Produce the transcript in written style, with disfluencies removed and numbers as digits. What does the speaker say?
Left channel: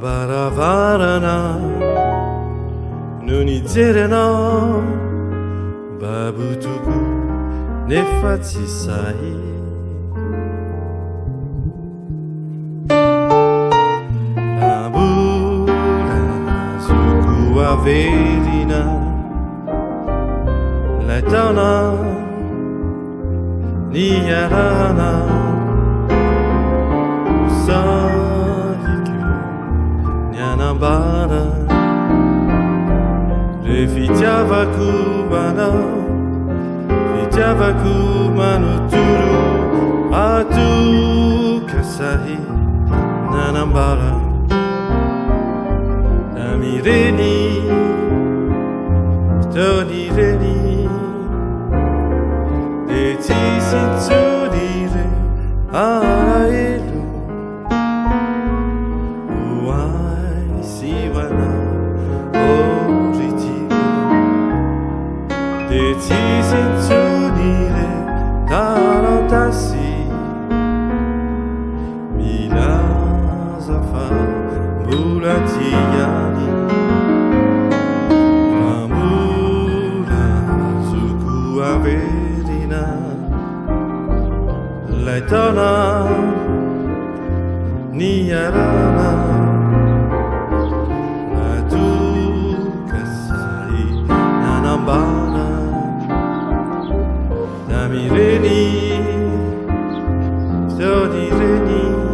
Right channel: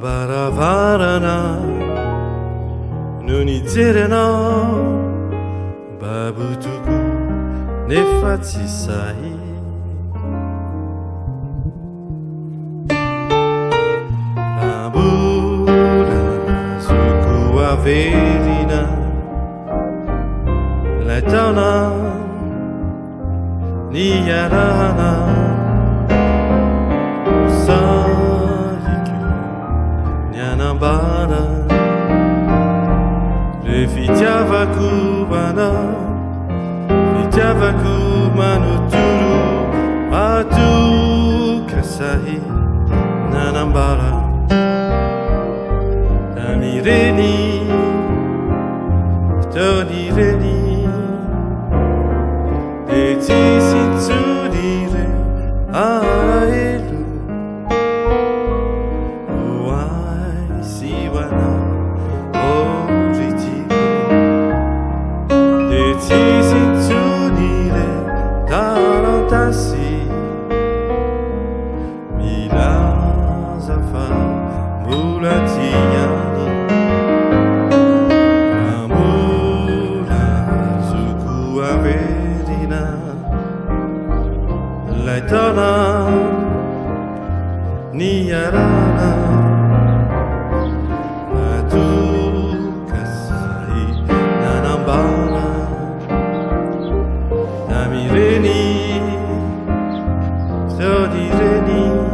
바라바라나 눈이 찌르나 바부두고 내 facci sai Labura su cua verina La donna Niyarana Usahikyo Nyanambara Refitiava cubana Fitiava cubano turu Atu kasahi Nanambara Tamireni Tonireni Deti sinzurire Araelu Uai siwana Oritigo Deti sinzurire Tarantasi Milazafa Bulatiani Amula Zuku Averina Laitana Niyarana Natu Kasai Nanambara Namireni Sodireni